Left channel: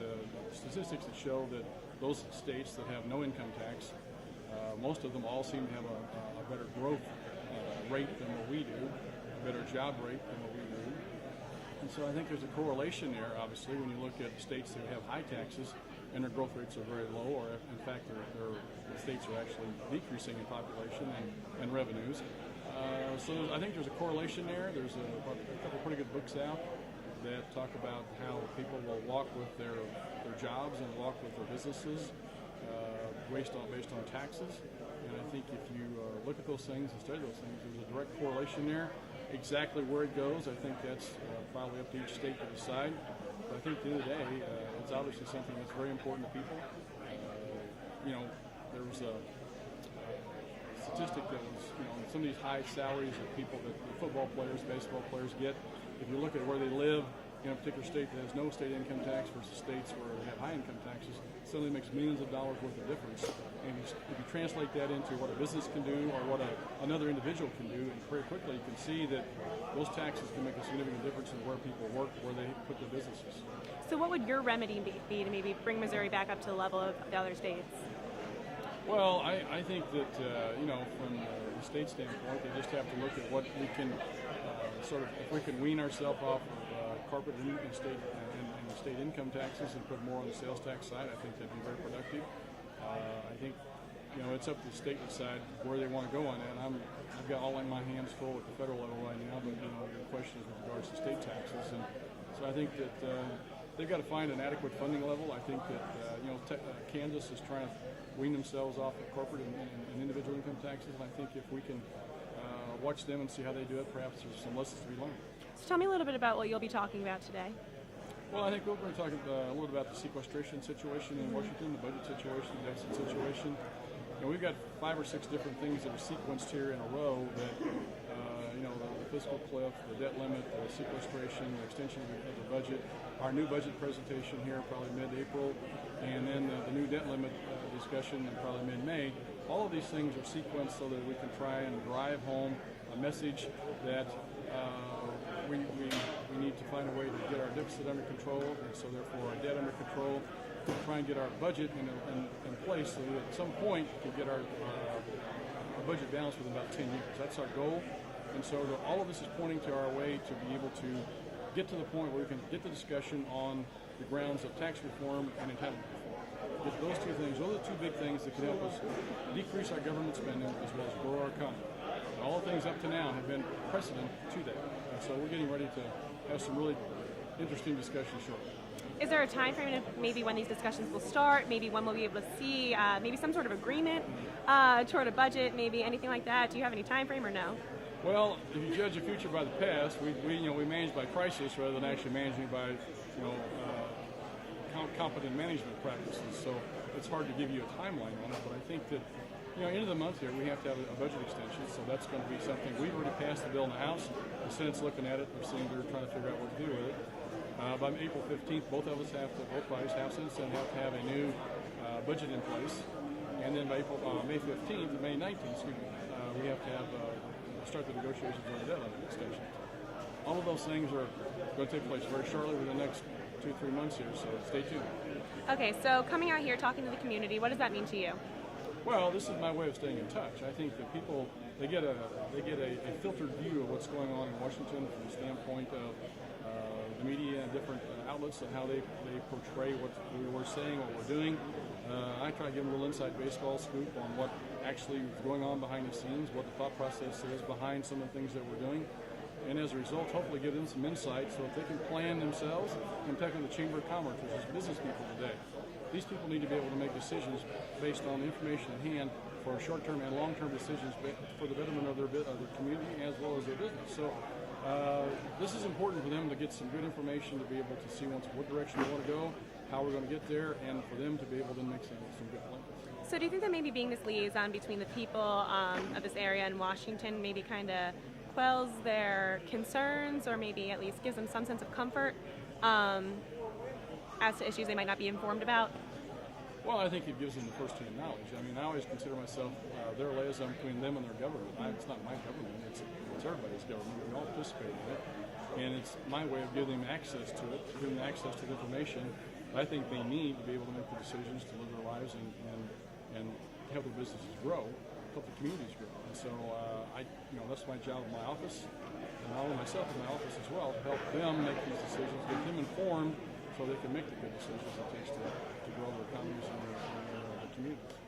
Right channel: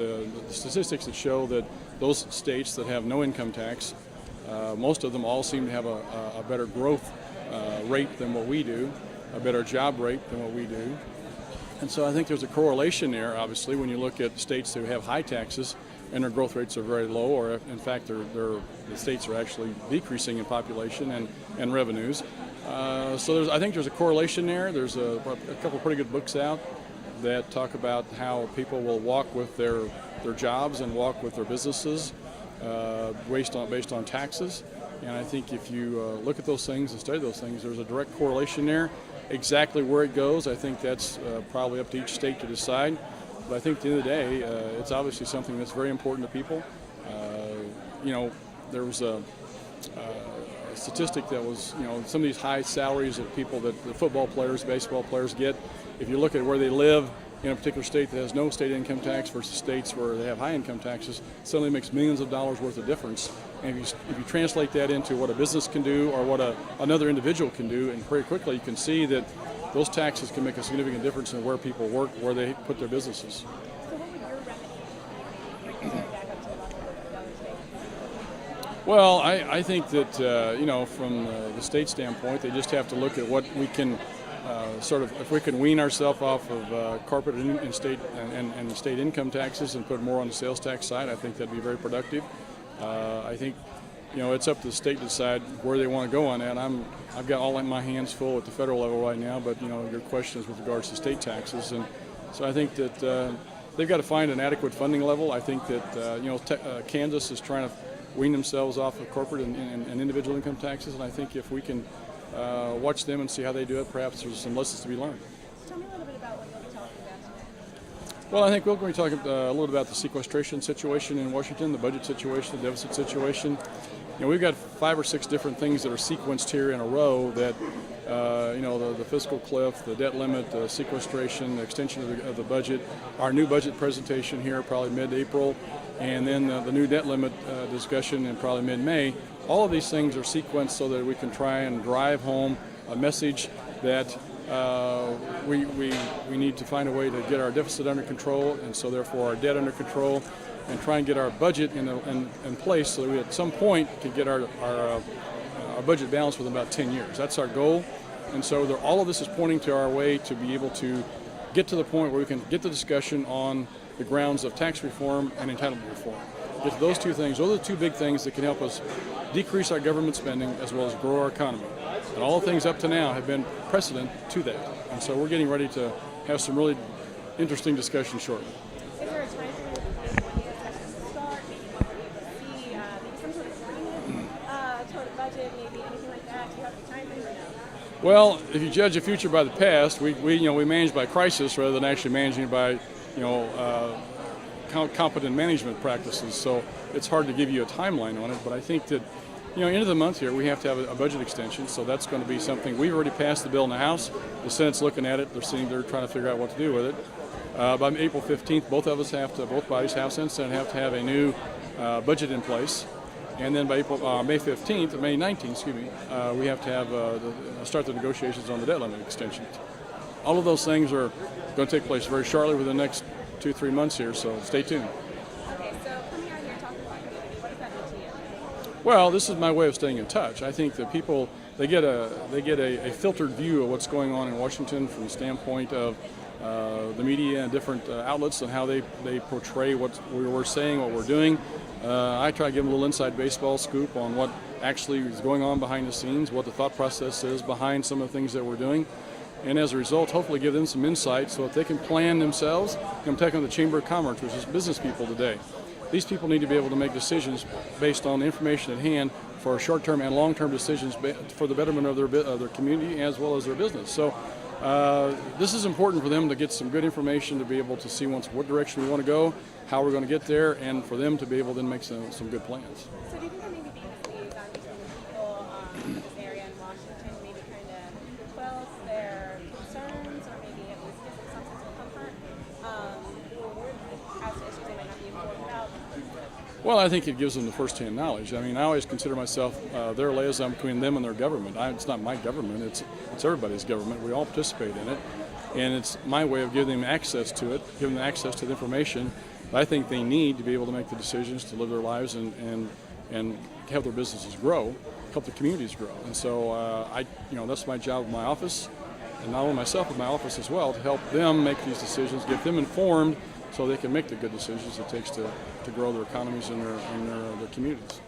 the statistics that show that those states that have no income tax, most of them all seem to have a better growth rate than what we do, a better job rate than what we do. And so I think there's a correlation there, obviously, when you look at states who have high taxes and their growth rates are very low, or in fact the states are actually decreasing in population and revenues. So I think there's a correlation there. There's a couple pretty good books out that talk about how people will walk with their jobs and walk with their businesses based on taxes. And I think if you look at those things and study those things, there's a direct correlation there. Exactly where it goes, I think that's probably up to each state to decide. But I think at the end of the day, it's obviously something that's very important to people. There was a statistic that was, some of these high salaries of people that the football players, baseball players get. If you look at where they live in a particular state that has no state income tax versus states where they have high income taxes, suddenly makes millions of dollars worth of difference. And if you translate that into what a business can do or what another individual can do, and very quickly you can see that those taxes can make a significant difference in where people work, where they put their businesses. So what would your remedy be to maybe bring Missouri back up to the level of the other states? Well, I think that, from the state standpoint, they just have to look at what we can if we can wean ourselves off of corporate and state and state income taxes and put more on the sales tax side, I think that'd be very productive. I think, it's up to the state to decide where they want to go on that. I've got all my hands full at the federal level right now, but, your question is with regards to state taxes. And so I think that they've got to find an adequate funding level. I think that, Kansas is trying to wean themselves off of corporate and individual income taxes, and I think if we can watch them and see how they do it, perhaps there's some lessons to be learned. So tell me a little bit about what you'll be talking about today. Well, I think we're going to talk a little about the sequestration situation in Washington, the budget situation, the deficit situation. We've got 5 or 6 different things that are sequenced here in a row that, the fiscal cliff, the debt limit, the sequestration, the extension of the budget, our new budget presentation here probably mid-April, and then the new debt limit discussion in probably mid-May. All of these things are sequenced so that we can try and drive home a message that we need to find a way to get our deficit under control, and so therefore our debt under control, and try and get our budget in place so that we at some point can get our budget balanced within about 10 years. That's our goal, and so all of this is pointing to our way to be able to get to the point where we can get the discussion on the grounds of tax reform and entitlement reform. Get to those two things. Those are the two big things that can help us decrease our government spending as well as grow our economy. And all the things up to now have been precedent to that. And so we're getting ready to have some really interesting discussions shortly. Is there a time frame maybe when these discussions will start? Maybe when we'll be able to see maybe some sort of agreement toward a budget, maybe anything like that? Do you have any time frame or no? Well, if you judge the future by the past, we manage by crisis rather than actually managing by competent management practices. So it's hard to give you a timeline on it, but I think that end of the month here we have to have a budget extension, so that's going to be something. We've already passed the bill in the House. The Senate's looking at it. They're trying to figure out what to do with it. By April 15th, both bodies, House and Senate, have to have a new budget in place. And then by May 19th, we have to have start the negotiations on the debt limit extension. All of those things are going to take place very shortly within the next 2-3 months here, so stay tuned. Okay, so coming out here, talking to the community, what does that mean to you? Well, this is my way of staying in touch. I think that people, they get a filtered view of what's going on in Washington from the standpoint of the media and different outlets and how they portray what we're saying, what we're doing. I try to give them a little inside baseball scoop on what actually is going on behind the scenes, what the thought process is behind some of the things that we're doing. And as a result, hopefully give them some insight so that they can plan themselves. I'm talking to the Chamber of Commerce, which is business people today. These people need to be able to make decisions based on the information at hand for short-term and long-term decisions for the betterment of their community as well as their business. So this is important for them to get some good information to be able to see what direction we want to go, how we're going to get there, and for them to be able to make some good plans. So do you think that maybe being this liaison between the people of this area and Washington maybe kind of quells their concerns, or maybe at least gives them some sense of comfort as to issues they might not be informed about? Well, I think it gives them the first-hand knowledge. I mean, I always consider myself their liaison between them and their government. It's not my government, it's everybody's government. We all participate in it, and it's my way of giving them access to it, giving them access to the information, But I think they need to be able to make the decisions to live their lives and have their businesses grow, help the communities grow. And so that's my job in my office, and not only myself, but my office as well, to help them make these decisions, get them informed so they can make the good decisions it takes to grow their economies and their communities.